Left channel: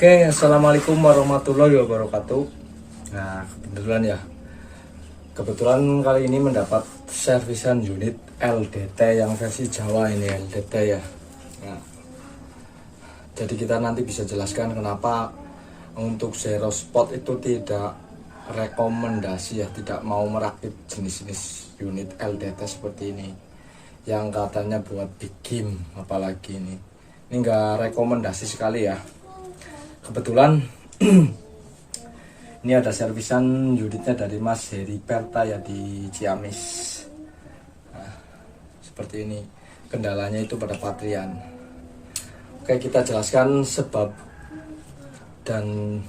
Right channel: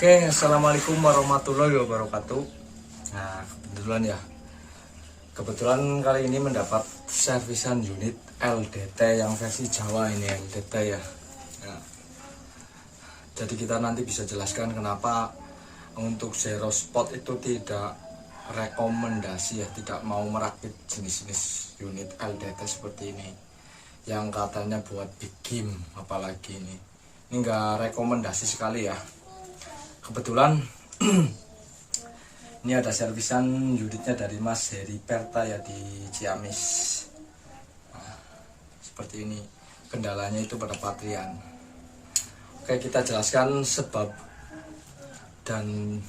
Oke, assalamualaikum warahmatullahi wabarakatuh. Nah, kebetulan kali ini mendapat servisan unit LDT yang versi Jawa ini LDT ya. Nah, jadi kita nanti bisa jelaskan kenapa untuk zero spot itu tidak rekomendasi ya, tidak mau merakit jenis-jenis unit LDT seperti ini yang katanya buat big game, apalagi ini enggak rekomendasi sekali ya. Kebetulan ini ada servisan unitnya dari Mas Heri Perta ya di Ciamis. Nah, seperti ini, kendalanya itu pada patrian. Oke, kita jelaskan sebab dan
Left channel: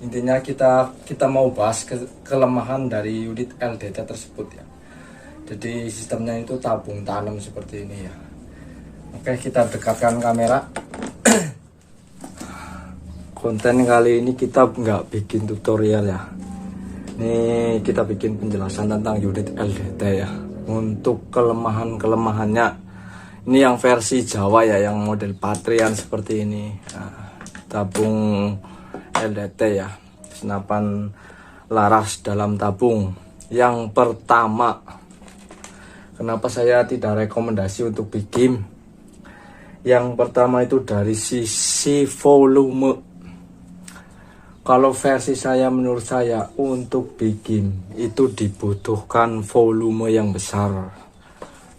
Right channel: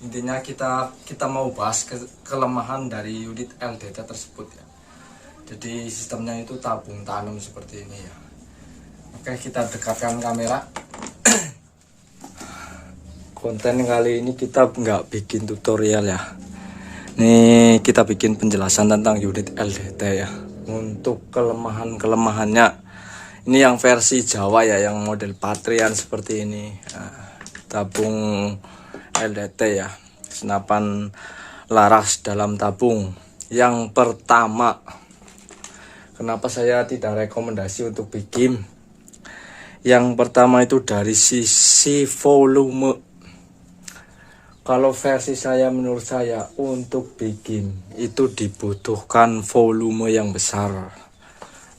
intinya kita mau bahas kelemahan dari unit LDT tersebut ya. Jadi sistemnya itu tabung tanam seperti ini ya. Oke, kita dekatkan kamera. Konten kali ini kita nggak bikin tutorial ya. Ini kita bikin penjelasan tentang unit LDT ya. Untuk kelemahannya, ini yang versi Jawa ya, yang model patrian seperti ini. Nah, tabung LDT ya, senapan laras dalam tabung. Yang pertama, kenapa saya tidak rekomendasi untuk bikin? Yang pertama itu dari sisi volume. Kalau versi saya, menurut saya untuk bikin itu dibutuhkan volume yang besar.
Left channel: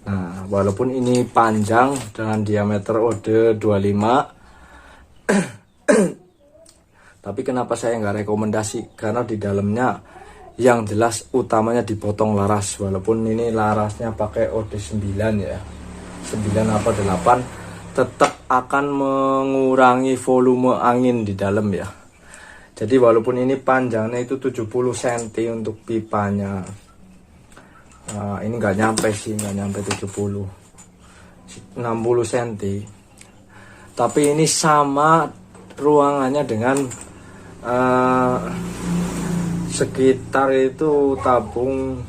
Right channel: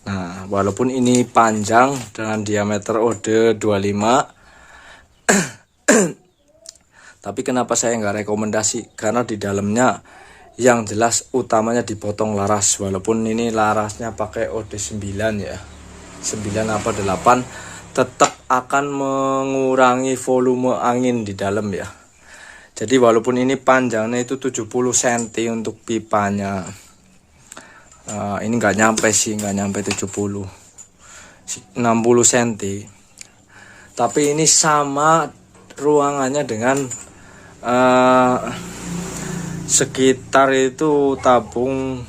Nah, walaupun ini panjang dengan diameter OD 25 tapi kenapa saya nggak rekomendasi? Karena di dalamnya yang jelas utamanya dipotong laras. Walaupun ini larasnya pakai OD 9 ya, 9 apa 8, tetap akan mengurangi volume angin di dalam ya. Jadi walaupun ini panjangnya itu 70 cm untuk pipanya, ini nggak nyampe 70, 60 cm. Tapi ini sama ruangannya dengan sekitar itu tabung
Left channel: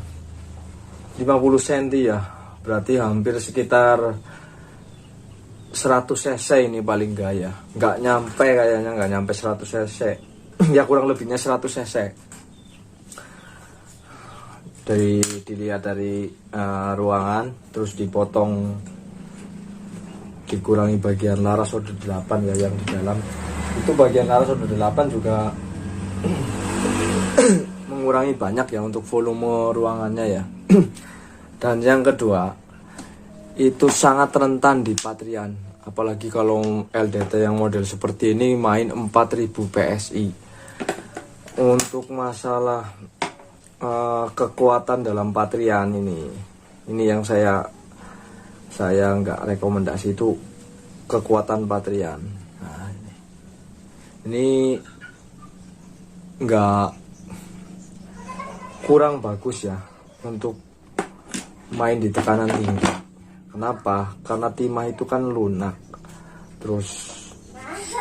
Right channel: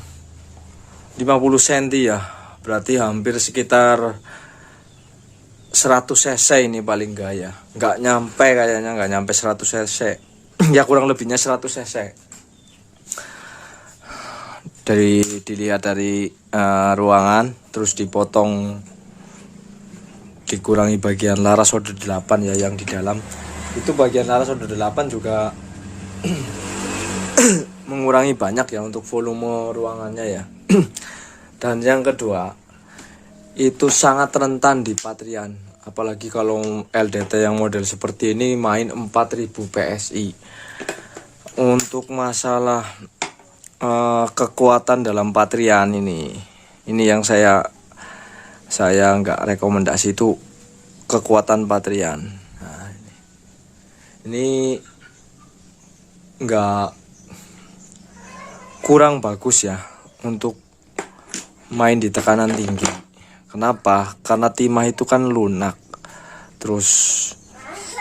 50 cm ya. Berarti hampir sekitar 100 cc ini paling gaya, nggak nyampe kayaknya, nggak nyampe 100 cc ya, kurang lebihnya 100 cc. Dilihat dari ruangan, terus dipotong, dikurangi bagian laras OD 8 ya, yang di dalam itu bagian laras OD 8 juga mengurangi banyak ya untuk volume ruangannya ya. Dan yang kedua, itu sangat rentan di patrian, apalagi kalau LDT yang model seperti ini main 4000 PSI. Untuk masalah kekuatan dalam patrian ini yang saya nggak rekomendasi, itu kekuatan patrian. Nah, ini nggak, kurang bagus ya untuk main di tekanan tinggi. Kenapa? Karena timah itu kan lunak, terus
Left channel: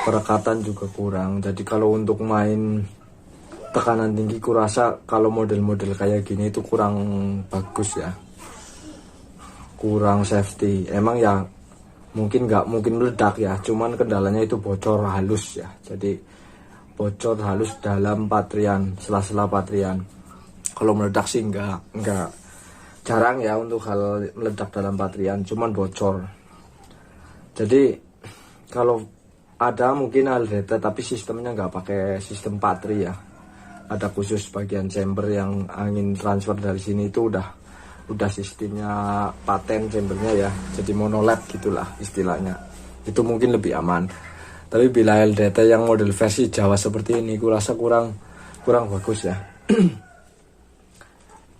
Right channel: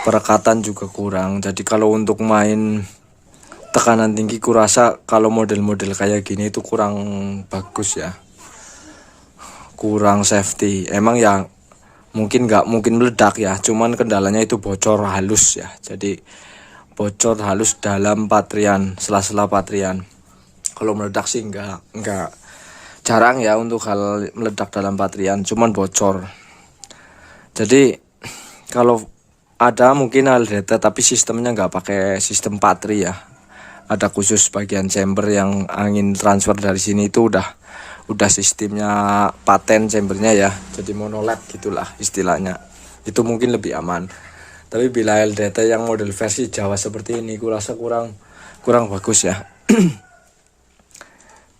perekatan juga kurang. Jadi kalau untuk main tekanan tinggi, kurasa kalau model-model kayak gini itu kurang bagus ya, kurang safety. Emang ya mungkin nggak mungkin meledak ya, cuman kendalanya itu bocor halus ya. Jadi bocor halus dalam patrian, sela-sela patrian. Kalau meledak sih nggak jarang ya untuk hal meledak dalam patrian, cuman bocor. Jadi kalau ada mungkin LDT tapi sistemnya nggak pakai sistem patri ya, ada khusus bagian chamber yang angin transfer dari sini itu udah sistemnya paten chambernya ya, jadi monoled itulah istilahnya. Itu mungkin lebih aman. Tapi bila LDT yang model versi Jawa seperti ini, kurasa kurang bagus ya.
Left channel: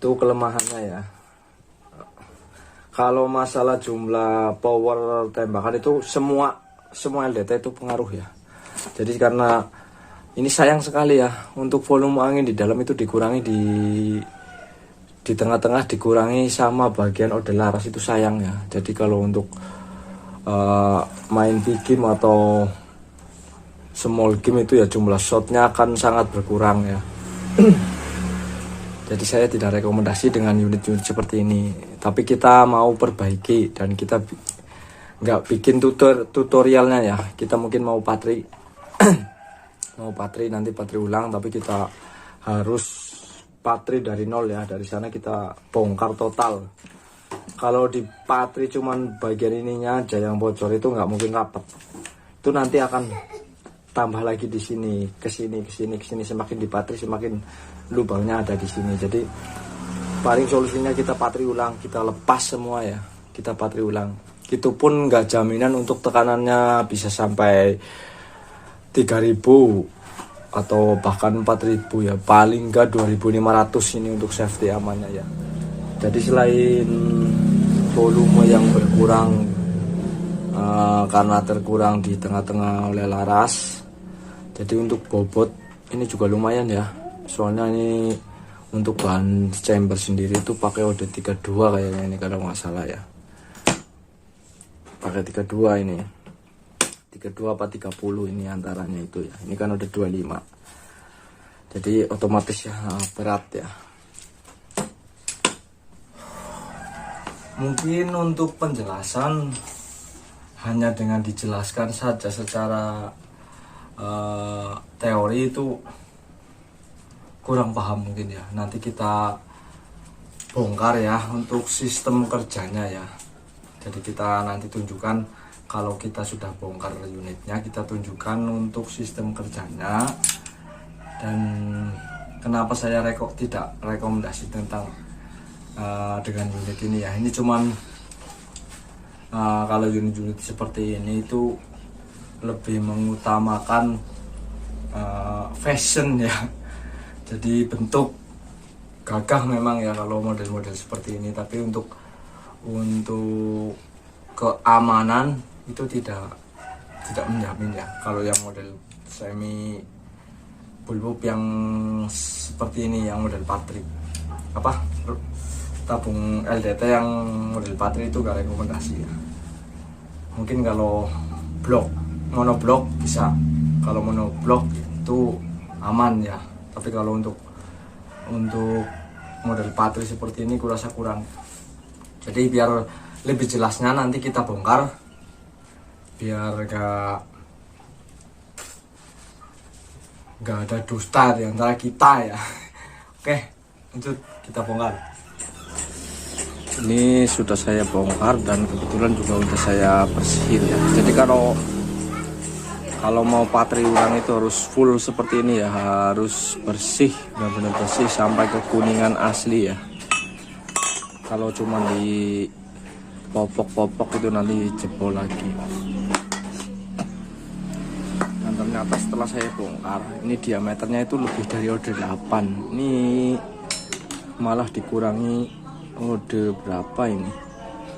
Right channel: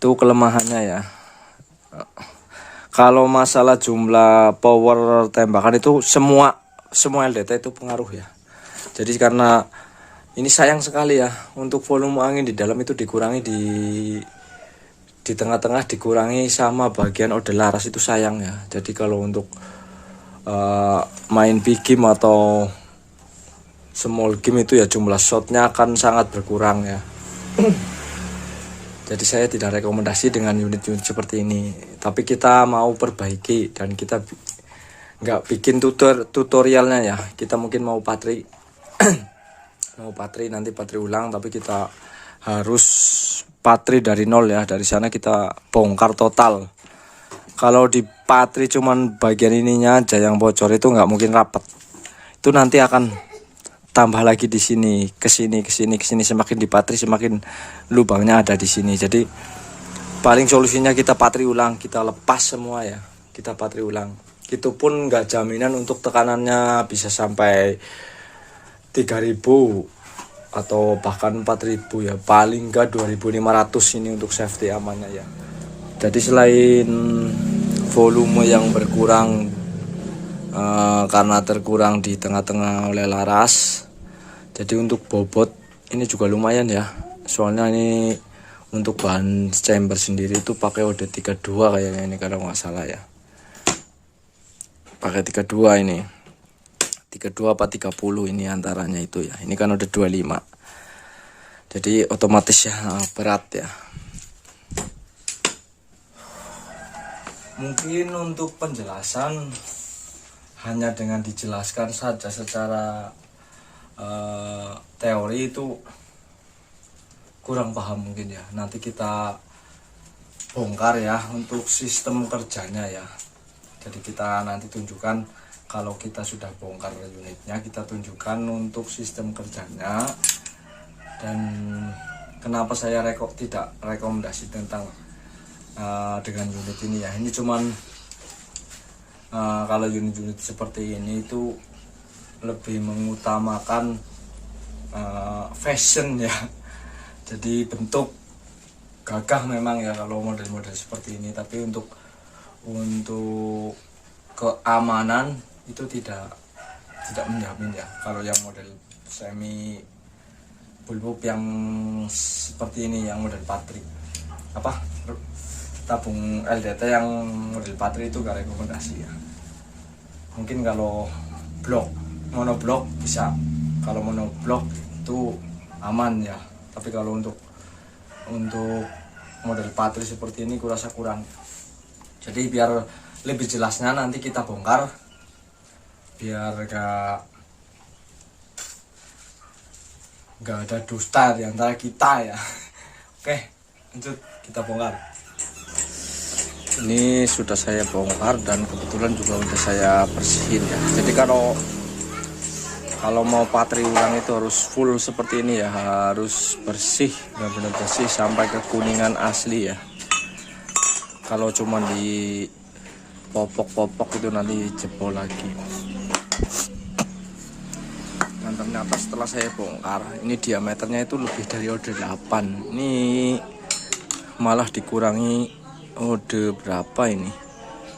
Itu kelemahannya ya. Kalau masalah jumlah power tembakan itu semua LDT itu pengaruh ya. Jadi karena ini sayang sekali ya, untuk volume angin di dalam itu dikurangi di tengah-tengah, dikurangi sama bagian OD laras, itu sayang ya. Jadi kalau untuk main big game atau small game itu ya, jumlah shotnya akan sangat berkurang ya. Jadi saya tidak rekomendasi dengan unit-unit seperti ini. Tapi kita mau perbaiki dan kita nggak bikin tutorialnya ya. Kita mungkin mau patri nanti patri ulang, tapi kita harus patri dari nol ya. Dari sana kita bongkar total. Kalau di patri cuman bagian ininya aja yang bocor, itu nggak mungkin rapat. Itu nanti akan tambah lagi di sini, ke sini. Semakin di patri semakin lubangnya ada di sini. Jadi paling solusinya kita patri ulang, kita lepas semua ya. Kita patri ulang. Itu pun nggak jaminan untuk tekanannya bisa sampai 3.000 atau bahkan 4.000 ya. Paling nggak 2.500 ini untuk safety amannya ya. Jadi selain volume yang berkurang karena terkurang di tengah-tengah oleh laras, jadi untuk bobot ini juga lumayan ya. Soalnya ini untuk bahan chamber sendiri itu pakai OD 32 kayaknya ini kalau nggak salah ya. Pakai 32 ini. 32 apa 30 ini antaranya itu ya. Ini kan udah 25. Jadi otomatis ya berat ya. Mungkin untuk penjelasan hanya dengan dijelaskan saja secara teori itu kurang paham mungkin ya. Nanti kita bongkar ya untuk sistem kerjanya ya. Jadi kita nanti tunjukkan, kalau kita sudah bongkar unitnya, kita tunjukkan untuk sistem kerjanya. Dan kenapa saya tidak rekomendasi tentang dengan unit ini ya. Ini cuman kalau unit-unit seperti ini itu lebih mengutamakan fashion ya. Jadi bentuk gagah memang ya kalau model-model seperti ini, tapi untuk keamanan itu tidak menjamin ya. Kalau yang model semi bulbub yang seperti ini, yang model patri tabung LDT yang model patri itu gak rekomendasi ya. Mungkin kalau monoblok bisa, kalau monoblok itu aman ya. Tapi kalau untuk model patri seperti ini kurasa kurang. Jadi biar lebih jelasnya nanti kita bongkar, biar gak ada dusta di antara kita ya. Oke, lanjut kita bongkar. Ini sudah saya bongkar dan kebetulan juga udah saya bersihin ya. Jadi kalau mau patri ulang itu harus full seperti ini ya, harus bersih, benar-benar bersih sampai ke kuningan asli ya. Kalau cuma di popok-popok itu nanti jebol lagi. Dan ternyata setelah saya bongkar, ini diameternya itu lebih dari OD 8. Ini malah dikurangi OD berapa ini?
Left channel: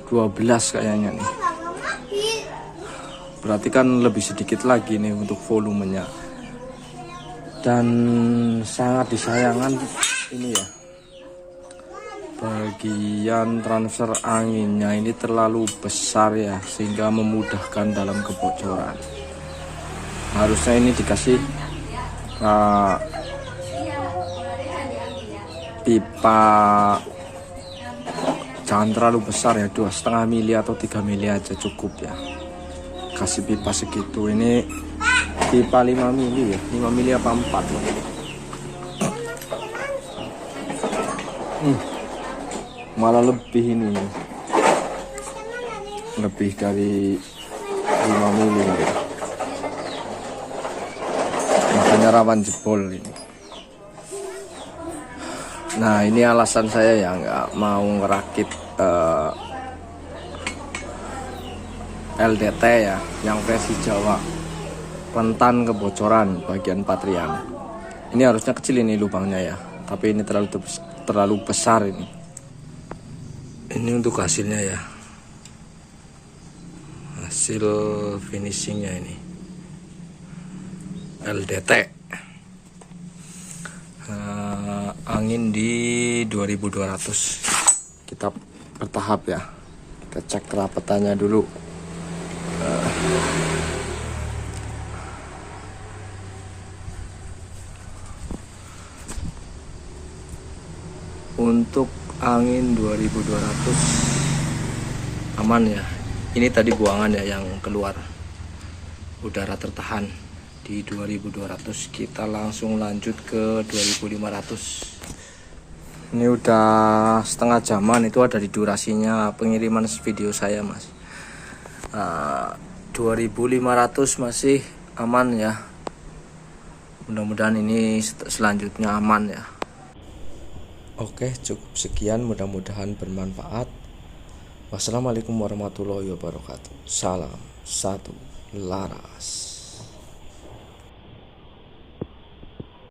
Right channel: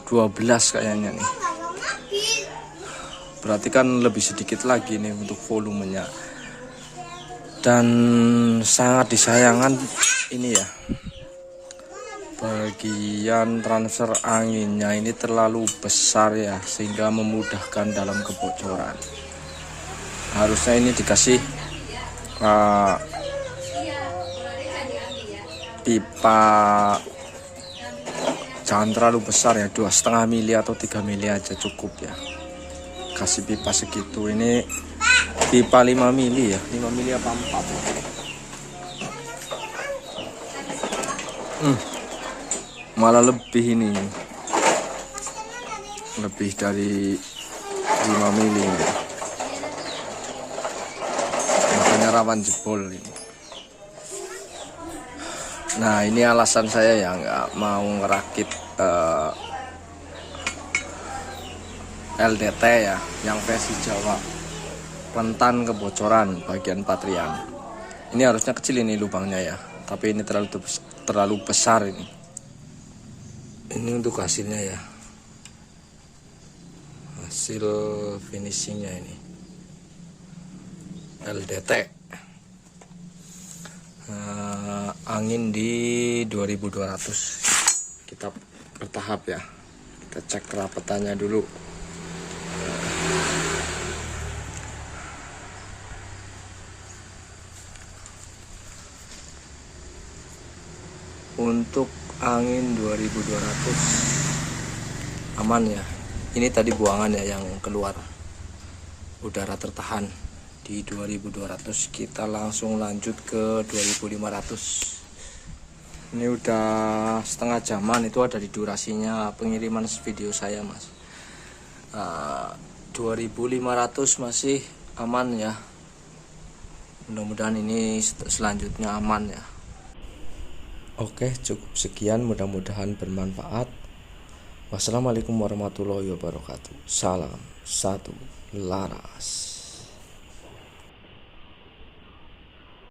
12 kayaknya nih. Berarti kan lebih sedikit lagi nih untuk volumenya. Dan sangat disayangkan ini ya, bagian transfer anginnya ini terlalu besar ya, sehingga memudahkan dalam kebocoran. Harusnya ini dikasih pipa, jangan terlalu besar ya, 2,5 mili atau 3 mili aja cukup ya. Kasih pipa segitu, ini pipa 5 mili ya, 5 mili apa 4 ya. Malah lebih ini, lebih dari 5 mili ya. Makanya rawan jebol ini. Nah ini alasan saya ya nggak mau ngerakit LDT ya, yang versi Jawa, rentan kebocoran bagian patrian. Ini harusnya kecil ini lubangnya ya, tapi ini terlalu besar ini. Ini untuk hasilnya ya, hasil finishingnya ini LDT. Angin di 2200. Kita bertahap ya, kita cek kerapatannya dulu. Untuk angin 2200 aman ya. Ini tadi buangan ya yang keluar, udara tertahan di 2200. Kita langsung lanjut ke 2500. Ini udah setengah jaman, itu ada di durasinya pengiriman video saya mas. 2500 masih aman ya, mudah-mudahan ini selanjutnya aman ya. Oke, cukup sekian, mudah-mudahan bermanfaat. Wassalamualaikum warahmatullahi wabarakatuh. Salam satu laras.